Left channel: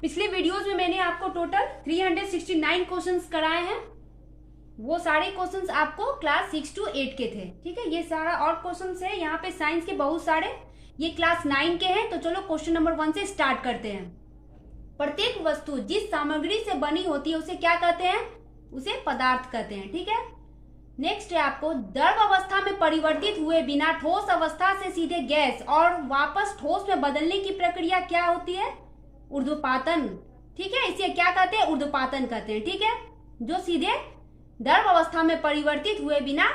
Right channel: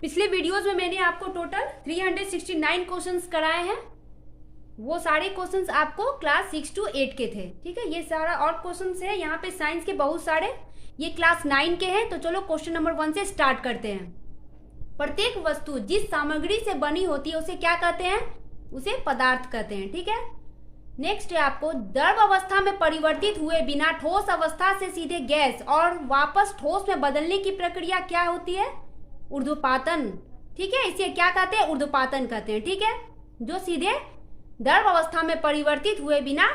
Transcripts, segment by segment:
पिछले वीडियोस में मैंने आपको टोटल 369 क्वेश्चंस कराए हैं। वो सारे क्वेश्चंस आपको क्लास 6 to 8 के थे। ठीक है, ये सारा और क्वेश्चंस है यहाँ पे साइंस के बहुत सारे, ये क्लास 9 के हैं। तो चलो क्वेश्चन नंबर 1 से स्टार्ट करते हैं। प्रत्येक वस्तु जिस सामग्री से बनी होती है उसे क्या कहते हैं? उसे पदार्थ कहते हैं। ठीक है, नेक्स्ट है आपको द्रव अवस्था में परिवर्तित हुए बिना ठोस अवस्था से सीधे गैस और वापस ठोस में बदलने की प्रक्रिया क्या होती है? ऊर्ध्वपातन। ठीक है, इसे क्या कहते हैं? ऊर्ध्वपातन कहते हैं। ठीक है, जो सीधे द्रव अवस्था में परिवर्तित हुए बिना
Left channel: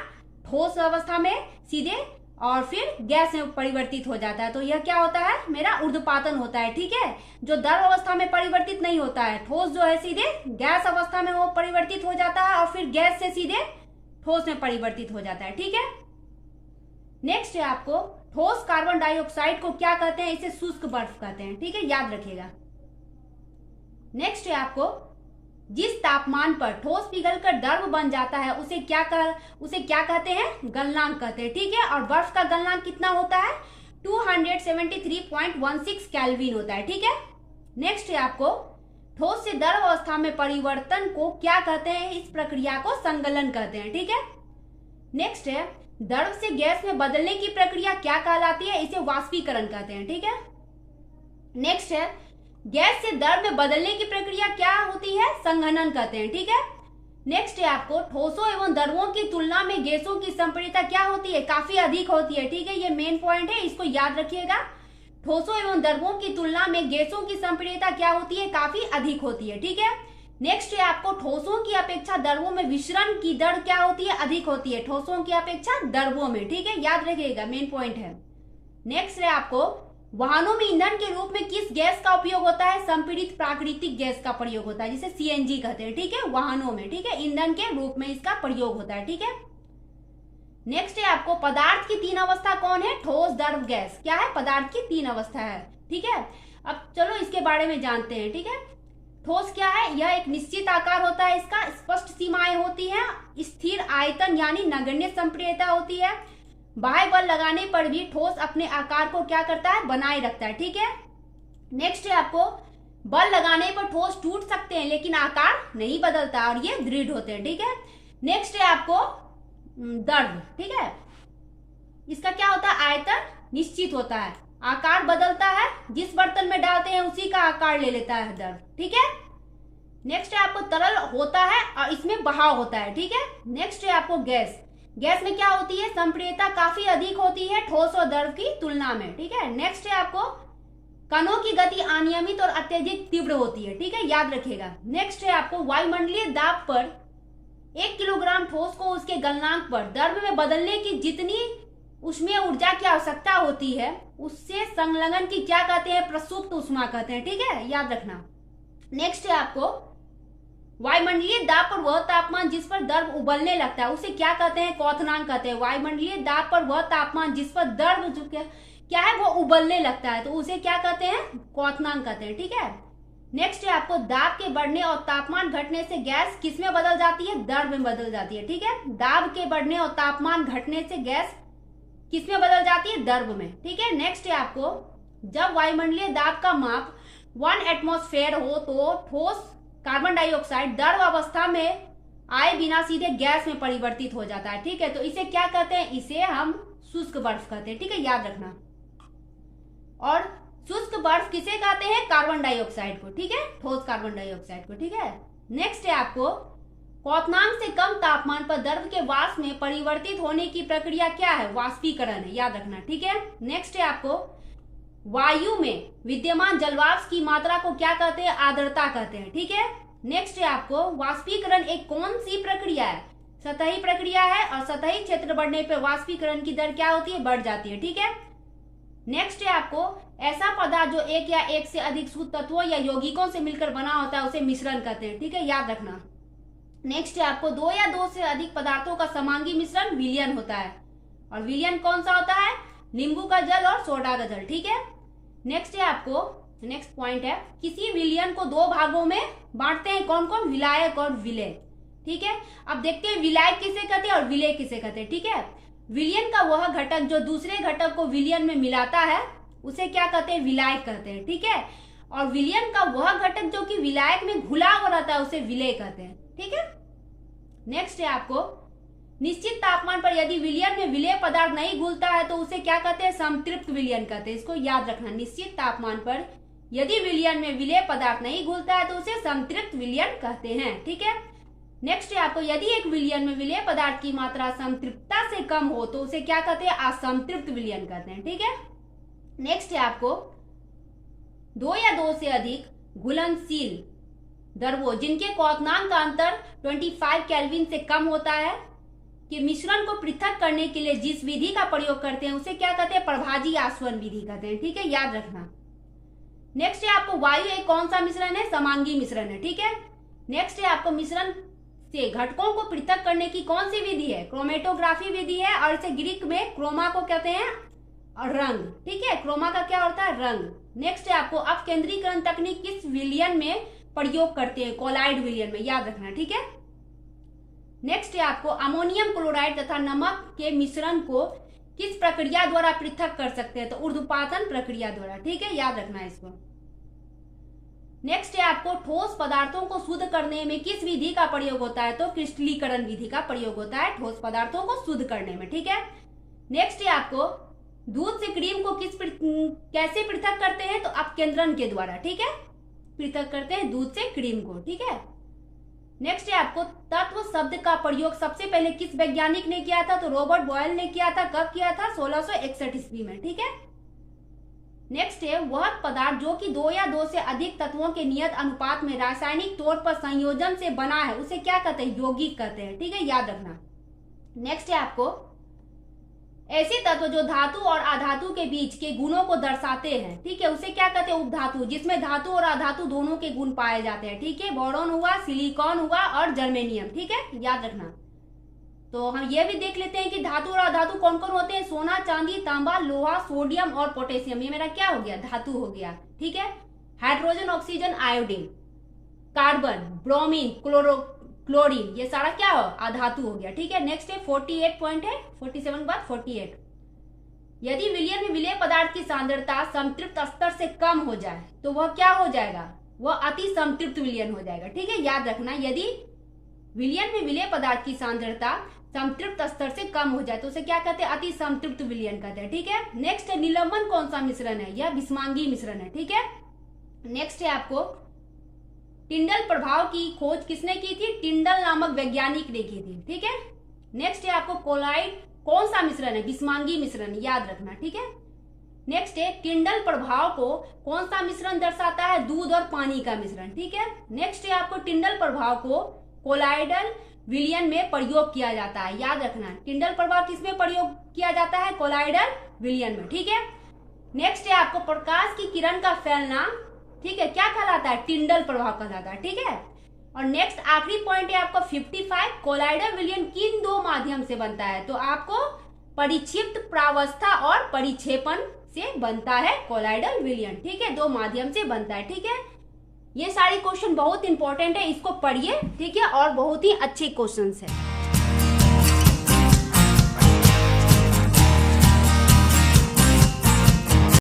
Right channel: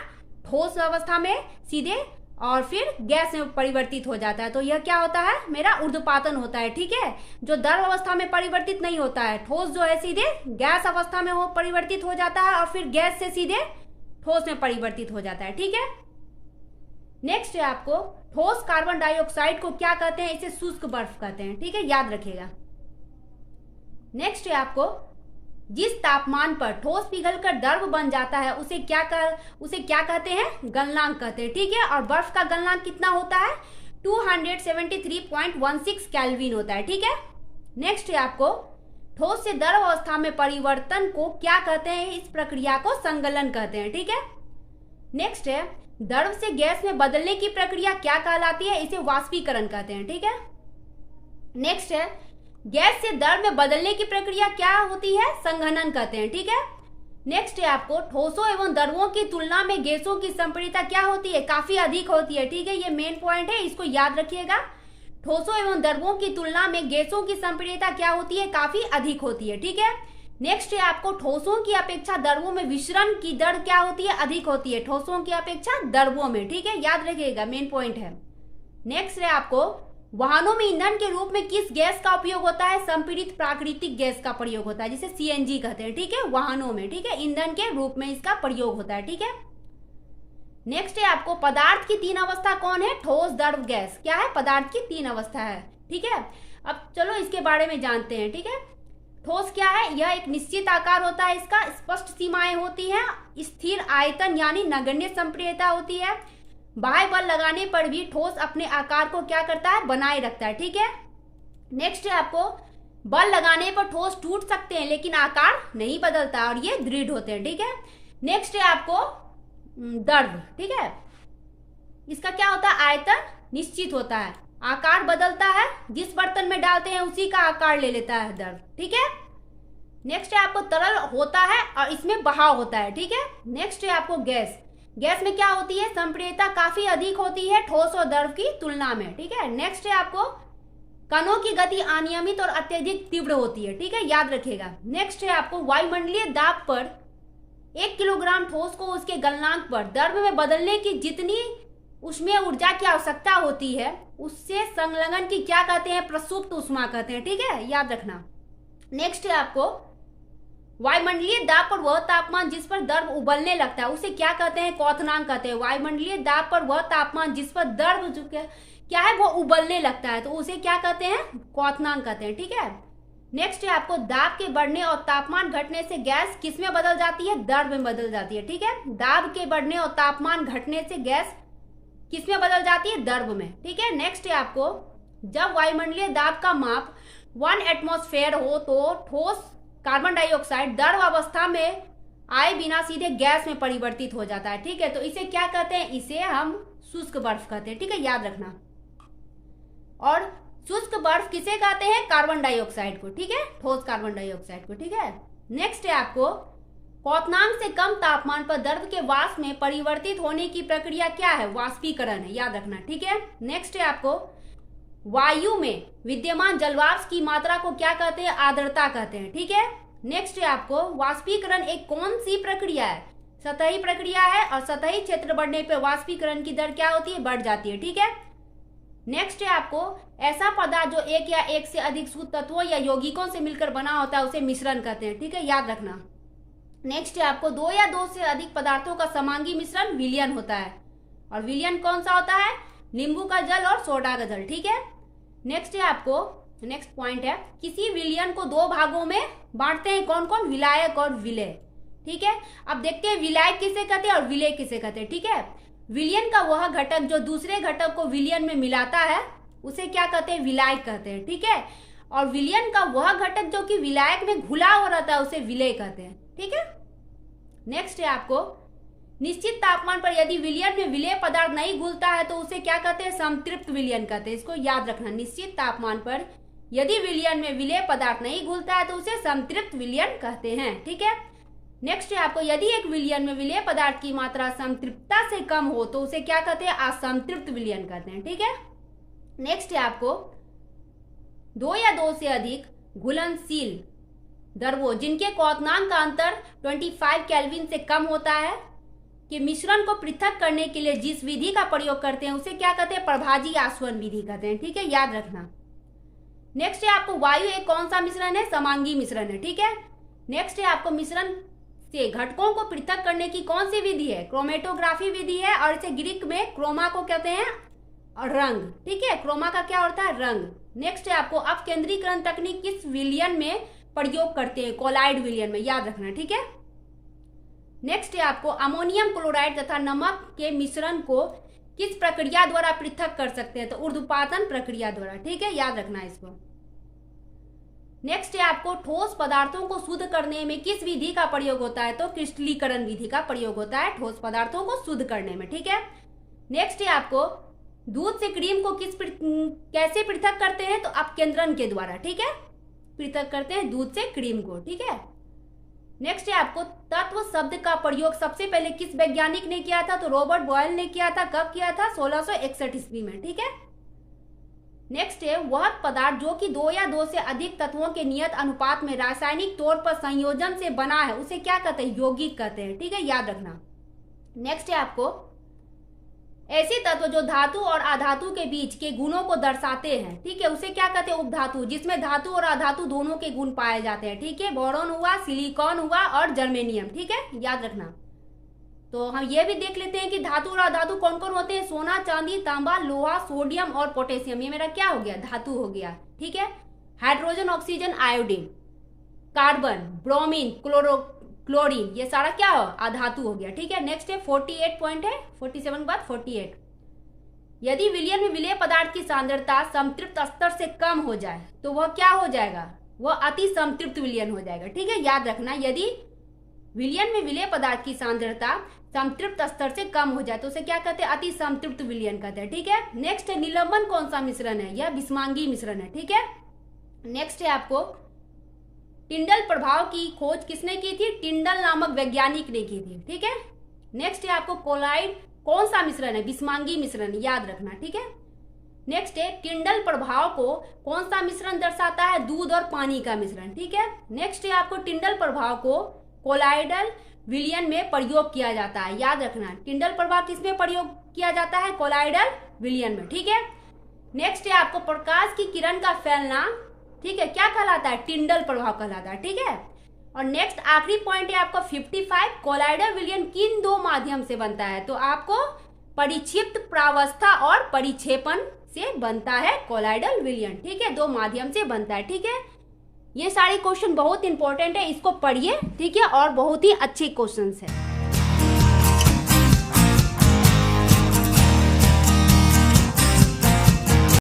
ठोस अवस्था में सीधे और फिर गैस में परिवर्तित हो जाता है, तो यह क्या होता है? मेरा ऊर्ध्वपातन होता है। ठीक है, जो द्रव अवस्था में परिवर्तित नहीं होता है, ठोस जो है सीधे गैस अवस्था में वो परिवर्तित हो जाता है और फिर गैस से सीधे ठोस में परिवर्तित हो जाता है। ठीक है, नेक्स्ट है आपको ठोस कार्बन डाइऑक्साइड को क्या कहते हैं? इसे शुष्क बर्फ कहते हैं। ठीक है, याद रखिएगा। नेक्स्ट है आपको जिस तापमान पर ठोस पिघलकर द्रव बन जाता है उसे क्या कहते हैं? गलनांक कहते हैं। ठीक है, और बर्फ का गलनांक कितना होता है? 273.16 केल्विन होता है। ठीक है, नेक्स्ट है आपको ठोस से द्रव अवस्था में परिवर्तन को क्या कहते हैं? इस प्रक्रिया को संगलन कहते हैं। ठीक है, नेक्स्ट है द्रव से गैस में बदलने की प्रक्रिया क्या कहलाती है? इसे वाष्पीकरण कहते हैं। ठीक है, नेक्स्ट है गैस से द्रव में बदलने की प्रक्रिया क्या होती है? संघनन कहते हैं। ठीक है, नेक्स्ट है आपको ठोसों एवं द्रवों की तुलना में गैसों की संपीड़ितता क्या होती है? काफी अधिक होती है। ठीक है, ये मेन पॉइंट है, इसको याद रखिएगा। ठोसों एवं द्रवों की तुलना में गैसों की संपीड़ितता क्या होती है? काफी अधिक होती है। ठीक है, नेक्स्ट है आपको ठोसों की अपेक्षा द्रवों में विचरण की दर क्या होती है? अधिक होती है ठोसों की अपेक्षा द्रवों में। ठीक है, याद रखिएगा, मेन पॉइंट है। नेक्स्ट है आपको वाहनों में ईंधन के रूप में किस गैस का उपयोग होता है? संपीड़ित प्राकृतिक गैस का प्रयोग होता है, जिसे सीएनजी कहते हैं। ठीक है, वाहनों में। ठीक है, ईंधन के रूप में इसका प्रयोग होता है। ठीक है, नेक्स्ट है आपको पदार्थ की 3 अवस्था कौन है? ठोस, द्रव, गैस। क्या है? पदार्थ की 3 अवस्था है। ठीक है, अब चलो इसके बारे में जानते हैं। ठीक है, ठोस क्या है? यह एक निश्चित आकार होता है, इसका स्पष्ट सीमाएं होती हैं, स्थिर आयतन यानी नगण्य संपीड़ितता होती है, बाह्य बल लगाने पर भी ठोस अपने आकार को क्या करता है? बनाए रखता है। ठीक है, नेक्स्ट है आपको बल लगाने पर ठोस टूट सकते हैं लेकिन आकार नहीं बदलता और ये दृढ़ होते हैं। ठीक है, नेक्स्ट है आपको द्रव। ठीक है, इसका क्या होता है? आयतन निश्चित होता है, आकार बदलता है, जिस बर्तन में डालते हैं उसी का आकार ले लेता है द्रव। ठीक है, नेक्स्ट है आपको तरल होता है और इसमें बहाव होता है। ठीक है, नेक्स्ट है आपको गैस। गैस में क्या होती है? संपीड़ितता काफी अधिक होती है ठोस और द्रव की तुलना में। ठीक है, नेक्स्ट है आपको कणों की गति अनियमित और अत्यधिक तीव्र होती है। ठीक है, याद रखिएगा। नेक्स्ट है आपको वायुमंडलीय दाब पर 1 किलोग्राम ठोस को उसके गलनांक पर द्रव में बदलने की जितनी उसमें ऊर्जा की आवश्यकता होती है उससे संलग्न की क्या कहते हैं? प्रसुप्त ऊष्मा कहते हैं। ठीक है, याद रखना। नेक्स्ट है आपको वायुमंडलीय दाब पर वह तापमान जिस पर द्रव उबलने लगता है उसे क्या कहते हैं? क्वथनांक कहते हैं। वायुमंडलीय दाब पर वह तापमान जिस पर द्रव जो क्या है वो उबलने लगता है तो उसे क्या कहते हैं? क्वथनांक कहते हैं। ठीक है, नेक्स्ट है आपको दाब के बढ़ने और तापमान घटने से गैस किस में बदल जाती है? द्रव में बदल जाती है। ठीक है, दाब के बढ़ने और तापमान घटने से गैस किस में बदल जाती है? द्रव में। ठीक है, नेक्स्ट है आपको जब वायुमंडलीय दाब का माप 1 एटमॉस्फेयर हो तो ठोस कार्बन डाइऑक्साइड द्रव अवस्था में आए बिना सीधे गैस में परिवर्तित हो जाता है। ठीक है, तो इसे क्या कहते हैं? इसे हम शुष्क बर्फ कहते हैं। ठीक है, याद रखना। और शुष्क बर्फ किसे कहते हैं? कार्बन डाइऑक्साइड को। ठीक है, ठोस कार्बन डाइऑक्साइड को। ठीक है, नेक्स्ट है आपको क्वथनांक से कम तापमान पर द्रव के वाष्प में परिवर्तित होने की प्रक्रिया क्या है? वाष्पीकरण है, याद रखना। ठीक है, नेक्स्ट है आपको वायु में विद्यमान जलवाष्प की मात्रा को क्या कहते हैं? आर्द्रता कहते हैं। ठीक है, नेक्स्ट है आपको वाष्पीकरण एक कौन सी प्रक्रिया है? सतही प्रक्रिया है और सतही क्षेत्र बढ़ने पर वाष्पीकरण की दर क्या होती है? बढ़ जाती है। ठीक है, नेक्स्ट है आपको ऐसा पदार्थ जो एक या एक से अधिक शुद्ध तत्वों या यौगिकों से मिलकर बना होता है उसे मिश्रण कहते हैं। ठीक है, याद रखना। नेक्स्ट है आपको 2 या 2 से अधिक पदार्थों का समांगी मिश्रण विलयन होता है और विलयन कौन सा होता है? नींबू का जल और सोडा का जल। ठीक है, नेक्स्ट है आपको नेक्स्ट पॉइंट है किसी विलयन को 2 भागों में बांटते हैं। कौन कौन? विलायक और विलेय। ठीक है। अब देखते हैं विलायक किसे कहते हैं और विलेय किसे कहते हैं, ठीक है। विलयन का वह घटक जो दूसरे घटक को विलयन में मिलाता है उसे क्या कहते हैं, विलायक कहते हैं, ठीक है। और विलयन का वह घटक जो कि विलायक में घुला हो रहता है उसे विलेय कहते हैं, ठीक है। नेक्स्ट है आपको, निश्चित तापमान पर यदि विलयन में विलेय पदार्थ नहीं घुलता है तो उसे क्या कहते हैं, संतृप्त विलयन कहते हैं। इसको याद रखना, निश्चित तापमान पर यदि विलयन में विलेय पदार्थ नहीं घुलता है तो उसे संतृप्त विलयन कहते हैं, ठीक है। नेक्स्ट है आपको, यदि एक विलयन में विलेय पदार्थ की मात्रा संतृप्तता से कम हो तो उसे क्या कहते हैं, असंतृप्त विलयन कहते हैं, ठीक है। नेक्स्ट है आपको, दो या दो से अधिक घुलनशील द्रवों जिनके क्वथनांक का अंतर 25 केल्विन से कम होता है कि मिश्रण को पृथक करने के लिए जिस विधि का प्रयोग करते हैं उसे क्या कहते हैं, प्रभाजी आसवन विधि कहते हैं, ठीक है, याद रखना। नेक्स्ट है आपको, वायु एक कौन सा मिश्रण है, समांगी मिश्रण है, ठीक है। नेक्स्ट है आपको, मिश्रण से घटकों को पृथक करने की कौन सी विधि है, क्रोमेटोग्राफी विधि है, और इसे ग्रीक में क्रोमा को कहते हैं रंग, ठीक है। क्रोमा का क्या होता है, रंग। नेक्स्ट है आपको, अपकेंद्रीकरण तकनीक किस विलयन में प्रयोग करते हैं, कोलाइड विलयन में, याद रखना, ठीक है। नेक्स्ट है आपको, अमोनियम क्लोराइड तथा नमक के मिश्रण को किस प्रक्रिया द्वारा पृथक कर सकते हैं, तो ऊर्ध्वपातन प्रक्रिया द्वारा, ठीक है, याद रखना इसको। नेक्स्ट है आपको, ठोस पदार्थों को शुद्ध करने में किस विधि का प्रयोग होता है, तो क्रिस्टलीकरण विधि का प्रयोग होता है ठोस पदार्थों को शुद्ध करने में, ठीक है। नेक्स्ट है आपको, दूध से क्रीम को कैसे पृथक करते हैं, तो अपकेंद्रण के द्वारा, ठीक है, पृथक करते हैं दूध से क्रीम को, ठीक है। नेक्स्ट है आपको, तत्व शब्द का प्रयोग सबसे पहले किस वैज्ञानिक ने किया था, तो रॉबर्ट बॉयल ने किया था। कब किया था, 1661 ईस्वी में, ठीक है। नेक्स्ट है, वह पदार्थ जो कि दो या दो से अधिक तत्वों के नियत अनुपात में रासायनिक तौर पर संयोजन से बना है उसे क्या कहते हैं, यौगिक कहते हैं, ठीक है, याद रखना। नेक्स्ट है आपको, ऐसे तत्व जो धातु और अधातु के बीच के गुणों को दर्शाते हैं, ठीक है, उसे क्या कहते हैं, उपधातु, जिसमें धातु और अधातु दोनों के गुण पाए जाते हैं, ठीक है। बोरॉन हुआ, सिलिकॉन हुआ और जर्मेनियम, ठीक है, याद रखना। तो हम ये भी देख लेते हैं कि धातु और अधातु कौन कौन होते हैं, सोना, चांदी, तांबा, लोहा, सोडियम और पोटेशियम। ये मेरा क्या हो गया, धातु हो गया, ठीक है। Hydrogen, oxygen, iodine, carbon, bromine, chlorine, ये सारा क्या हो, अधातु हो गया, ठीक है। नेक्स्ट है 48 पॉइंट है, 47 के बाद 48। यदि विलयन में विलेय पदार्थ की सांद्रता संतृप्त स्तर से कम हो जाए तो वह क्या हो जाएगा, वह अति संतृप्त विलयन हो जाएगा, ठीक है, याद रखना। यदि विलयन में विलेय पदार्थ की सांद्रता संतृप्त स्तर से कम हो जाए तो उसे क्या कहते हैं, अति संतृप्त विलयन कहते हैं, ठीक है। नेक्स्ट है, निलंबन कौन सा मिश्रण है, यह विस्मांगी मिश्रण है, ठीक है। नेक्स्ट है आपको, टिंडल प्रभाव की खोज किसने की थी, टिंडल नामक वैज्ञानिक ने की थी, ठीक है। नेक्स्ट है आपको, कोलाइड कौन सा मिश्रण है, विस्मांगी मिश्रण, याद रखना, ठीक है। नेक्स्ट है, टिंडल प्रभाव को कौन सा मिश्रण दर्शाता है, दूध और पानी का मिश्रण, ठीक है। नेक्स्ट है आपको, टिंडल प्रभाव को कोलाइडल विलयन में प्रयोग किया जाता है, याद रखना। टिंडल प्रभाव किसमें प्रयोग किया जाता है, कोलाइडल विलयन में, ठीक है। नेक्स्ट है आपको, प्रकाश की किरण का फैलना, ठीक है, क्या कहलाता है, टिंडल प्रभाव कहलाता है, ठीक है। और नेक्स्ट आखिरी पॉइंट है आपका 55, कोलाइडल विलयन किन दो माध्यम से बनता है, तो आपको परिक्षिप्त प्रावस्था और परिक्षेपण से बनता है कोलाइडल विलयन, ठीक है, दो माध्यम से बनता है, ठीक है। ये सारे क्वेश्चन बहुत इंपॉर्टेंट है, इसको पढ़िए, ठीक है, और बहुत ही अच्छी क्वेश्चंस है।